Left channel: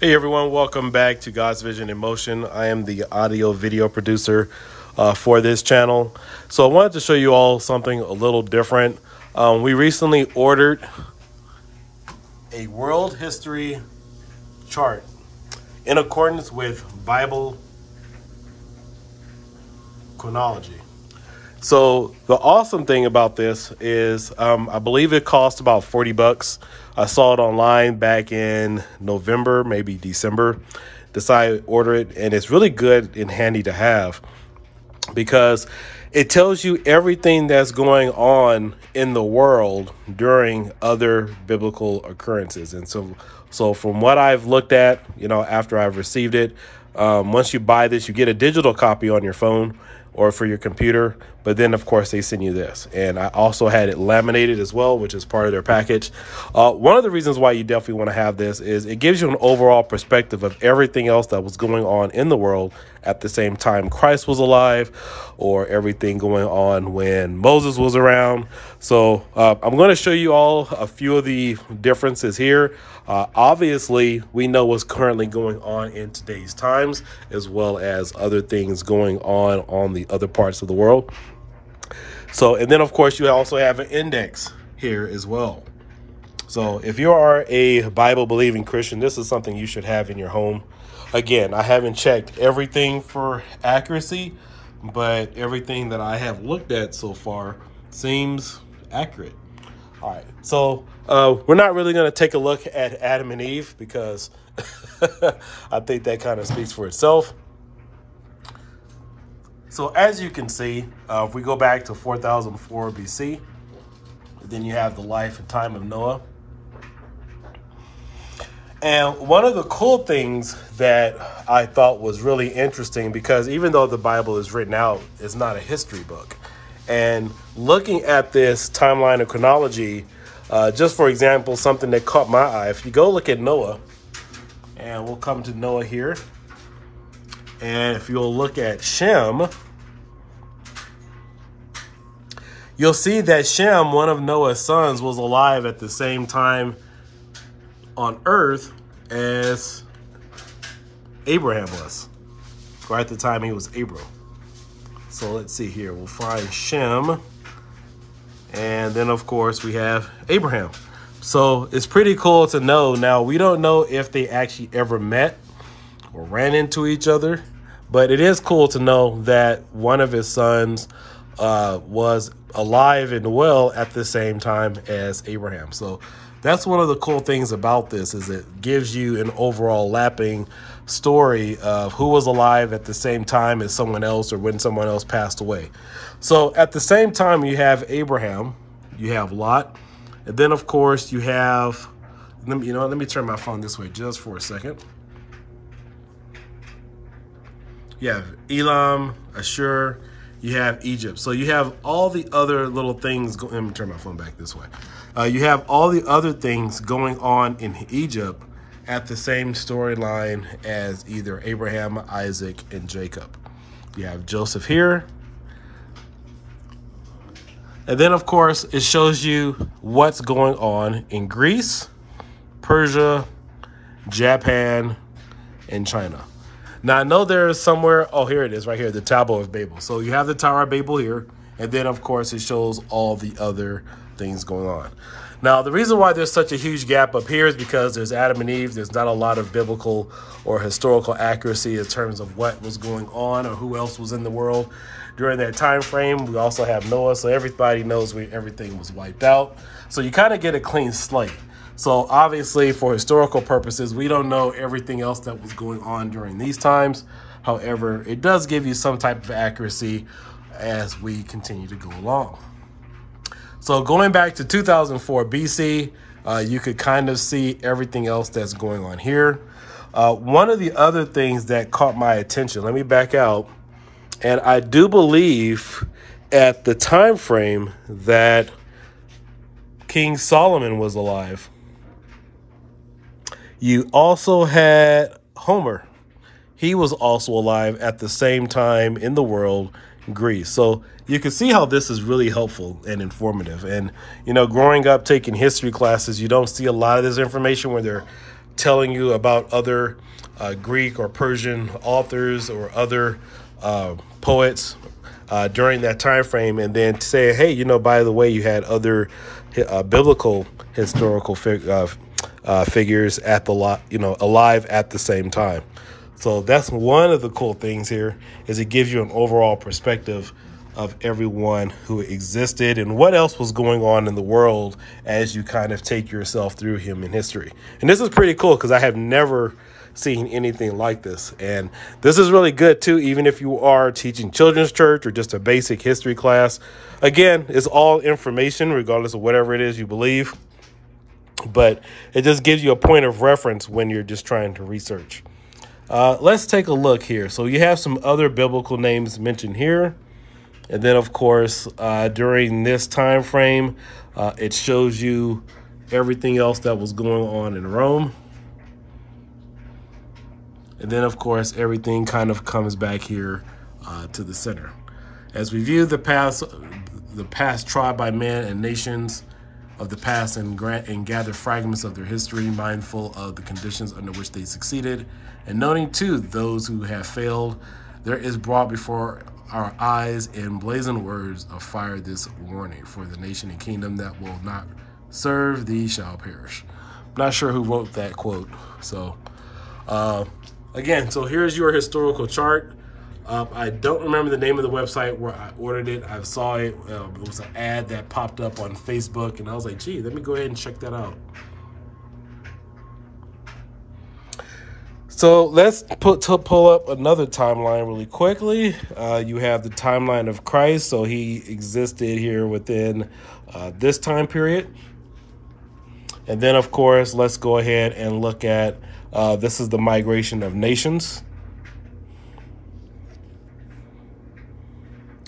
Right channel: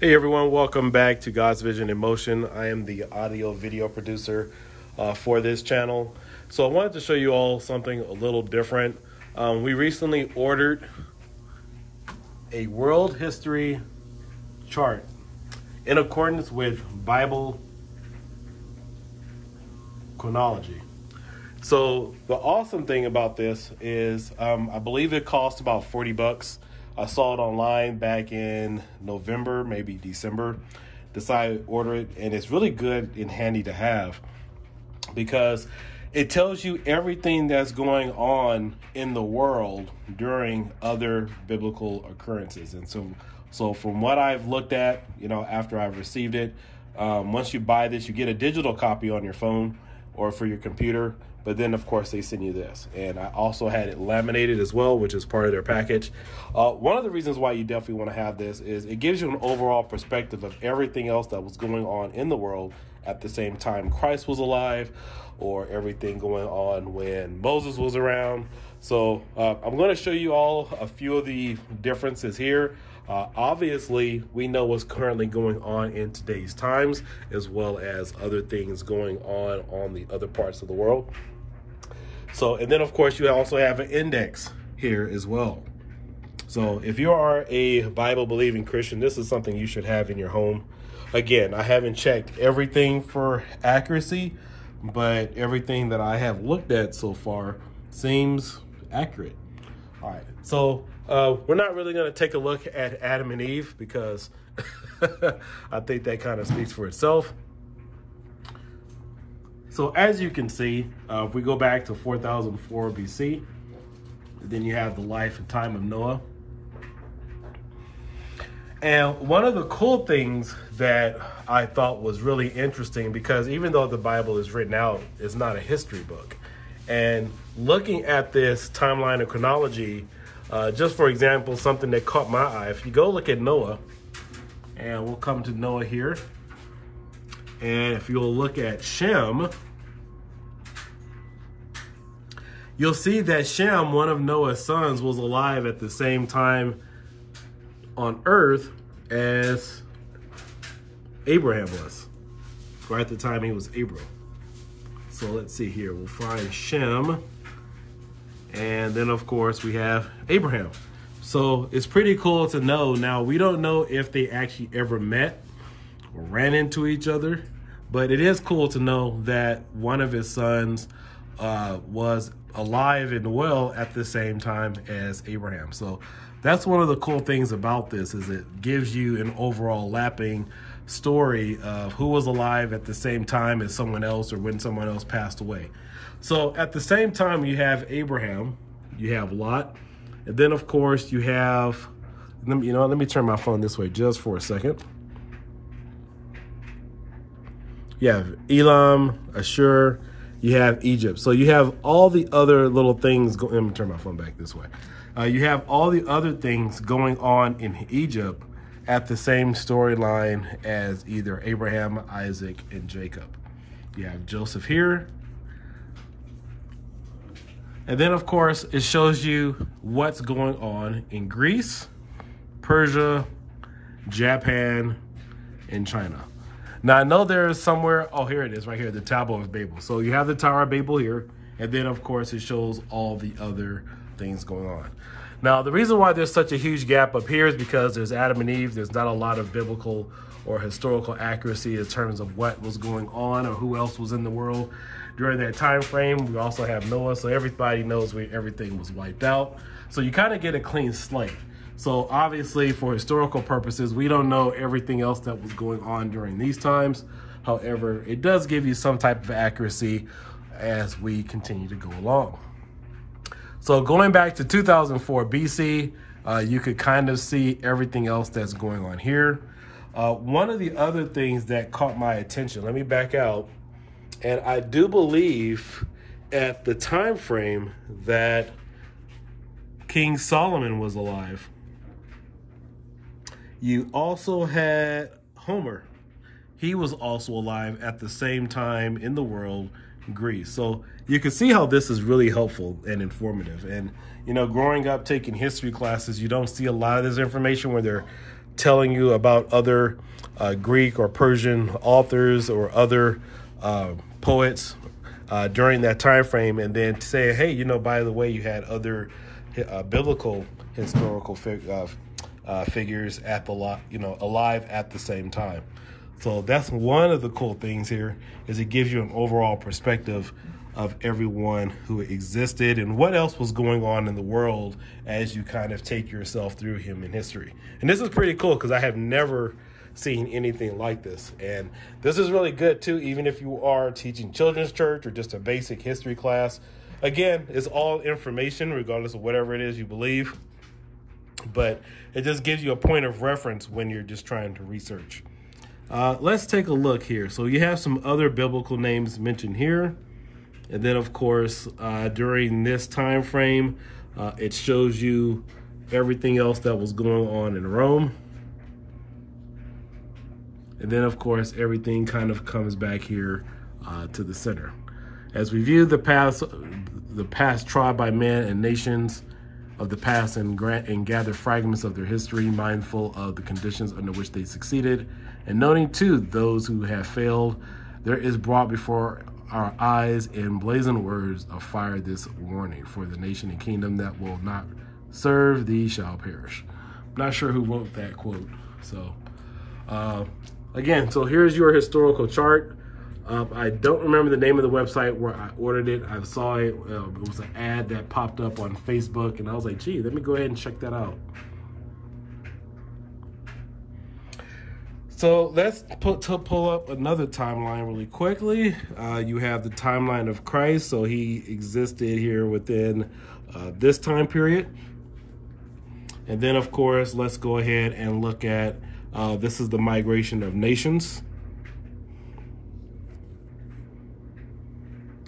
Hey everyone, welcome back to God's Vision in Motion. I am the audio video producer for this channel. So I wanted to show you all something a little different. We recently ordered a world history chart in accordance with Bible chronology. So the awesome thing about this is I believe it cost about 40 bucks. I saw it online back in November, maybe December. Decided to order it, and it's really good and handy to have because it tells you everything that's going on in the world during other biblical occurrences. And so from what I've looked at, after I've received it, once you buy this, you get a digital copy on your phone or for your computer, but then of course they send you this. And I also had it laminated as well, which is part of their package. One of the reasons why you definitely want to have this is it gives you an overall perspective of everything else that was going on in the world at the same time Christ was alive, or everything going on when Moses was around. So I'm going to show you all a few of the differences here. Obviously, we know what's currently going on in today's times, as well as other things going on the other parts of the world. So, and then of course, you also have an index here as well. So if you are a Bible believing Christian, this is something you should have in your home. Again, I haven't checked everything for accuracy, but everything that I have looked at so far seems accurate. All right, so we're not really going to take a look at Adam and Eve because I think that kind of speaks for itself. So as you can see, if we go back to 4004 BC, then you have the life and time of Noah. And one of the cool things that I thought was really interesting, because even though the Bible is written out, it's not a history book. And looking at this timeline of chronology, just for example, something that caught my eye, if you go look at Noah, and we'll come to Noah here, and if you'll look at Shem, you'll see that Shem, one of Noah's sons, was alive at the same time on earth as Abraham was, or at the time he was Abram. So let's see here, we'll find Shem, and then of course we have Abraham. So it's pretty cool to know. Now, we don't know if they actually ever met or ran into each other, but it is cool to know that one of his sons was alive and well at the same time as Abraham. So that's one of the cool things about this, is it gives you an overall lapping story of who was alive at the same time as someone else, or when someone else passed away. So at the same time, you have Abraham, you have Lot, and then of course you have, let me turn my phone this way just for a second. You have Elam, Ashur, you have Egypt. So you have all the other little things. Let me turn my phone back this way. You have all the other things going on in Egypt at the same storyline as either Abraham, Isaac, and Jacob. You have Joseph here. And then, of course, it shows you what's going on in Greece, Persia, Japan, and China. Now, I know there's somewhere, oh, here it is right here, the Tower of Babel. So you have the Tower of Babel here. And then, of course, it shows all the other things going on. Now, the reason why there's such a huge gap up here is because there's Adam and Eve. There's not a lot of biblical or historical accuracy in terms of what was going on or who else was in the world during that time frame. We also have Noah, so everybody knows everything was wiped out. So you kind of get a clean slate. So obviously, for historical purposes, we don't know everything else that was going on during these times. However, it does give you some type of accuracy as we continue to go along. So going back to 2004 BC, you could kind of see everything else that's going on here. One of the other things that caught my attention, let me back out, and I do believe at the time frame that King Solomon was alive, you also had Homer. He was also alive at the same time in the world, Greece. So you can see how this is really helpful and informative. And, growing up taking history classes, you don't see a lot of this information where they're telling you about other Greek or Persian authors or other poets during that time frame, and then say, hey, you know, by the way, you had other biblical historical figures at the alive at the same time. So that's one of the cool things here, is it gives you an overall perspective of everyone who existed and what else was going on in the world as you kind of take yourself through human history. And this is pretty cool because I have never seen anything like this. And this is really good too, even if you are teaching children's church or just a basic history class. Again, it's all information regardless of whatever it is you believe, but it just gives you a point of reference when you're just trying to research. Let's take a look here. So you have some other biblical names mentioned here. And then, of course, during this time frame, it shows you everything else that was going on in Rome. And then, of course, everything kind of comes back here to the center. As we view the past tried by men and nations of the past and gather fragments of their history, mindful of the conditions under which they succeeded, and noting, too, those who have failed, there is brought before our eyes in blazing words of fire this warning: for the nation and kingdom that will not serve thee shall perish. I'm not sure who wrote that quote. So again, so here's your historical chart. I don't remember the name of the website where I ordered it. I saw it. It was an ad that popped up on Facebook, and I was like, gee, let me go ahead and check that out. So let's pull up another timeline really quickly. You have the timeline of Christ. So he existed here within this time period. And then, of course, let's go ahead and look at, this is the migration of nations.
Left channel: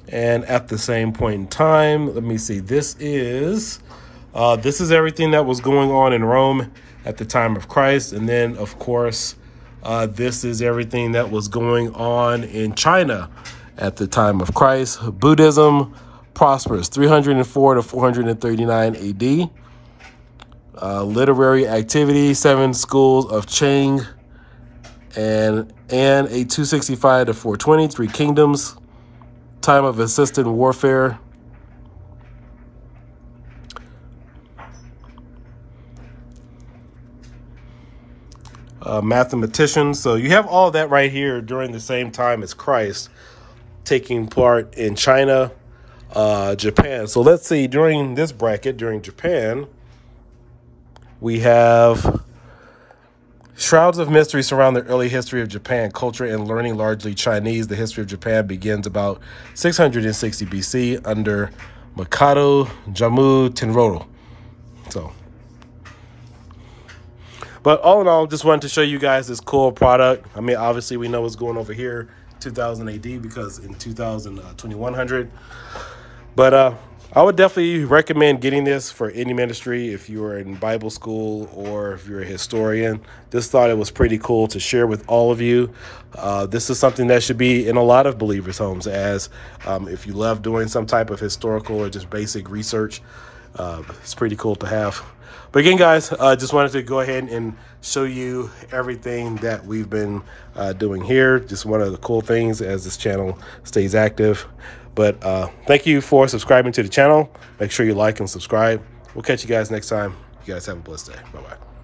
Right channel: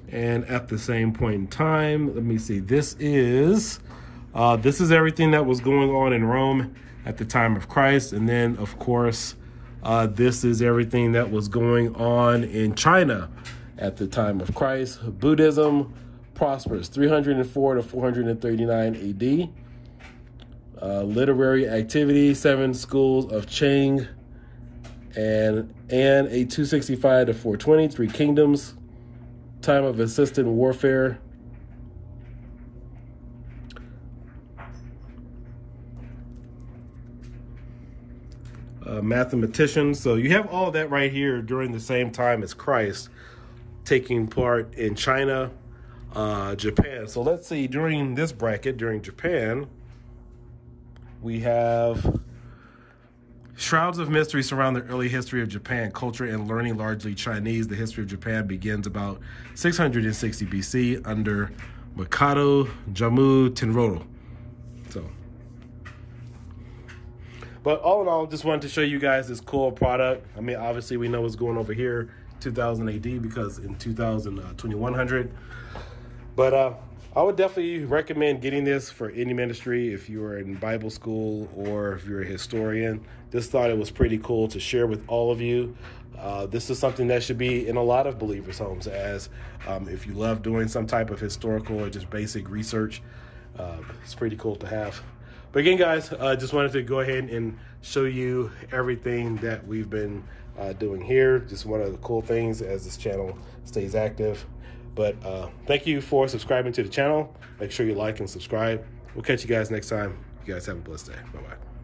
And at the same point in time, let me see, this is everything that was going on in Rome at the time of Christ. And then, of course, this is everything that was going on in China at the time of Christ. Buddhism prospers 304 to 439 AD. Literary activity, 7 schools of Chang and a 265 to 420, 3 kingdoms. Time of assisted warfare. Mathematicians. So you have all that right here during the same time as Christ, taking part in China, Japan. So let's see, during this bracket, during Japan, we have shrouds of mystery surround the early history of Japan, culture and learning largely Chinese. The history of Japan begins about 660 BC under Mikado Jommu Tenryo. So, but all in all, just wanted to show you guys this cool product. I mean, obviously we know what's going over here, 2000 AD, because in 2100. But I would definitely recommend getting this for any ministry if you are in Bible school or if you're a historian. Just thought it was pretty cool to share with all of you. This is something that should be in a lot of believers' homes, as if you love doing some type of historical or just basic research, it's pretty cool to have. But again, guys, just wanted to go ahead and show you everything that we've been doing here. Just one of the cool things as this channel stays active. But thank you for subscribing to the channel. Make sure you like and subscribe. We'll catch you guys next time. You guys have a blessed day. Bye-bye.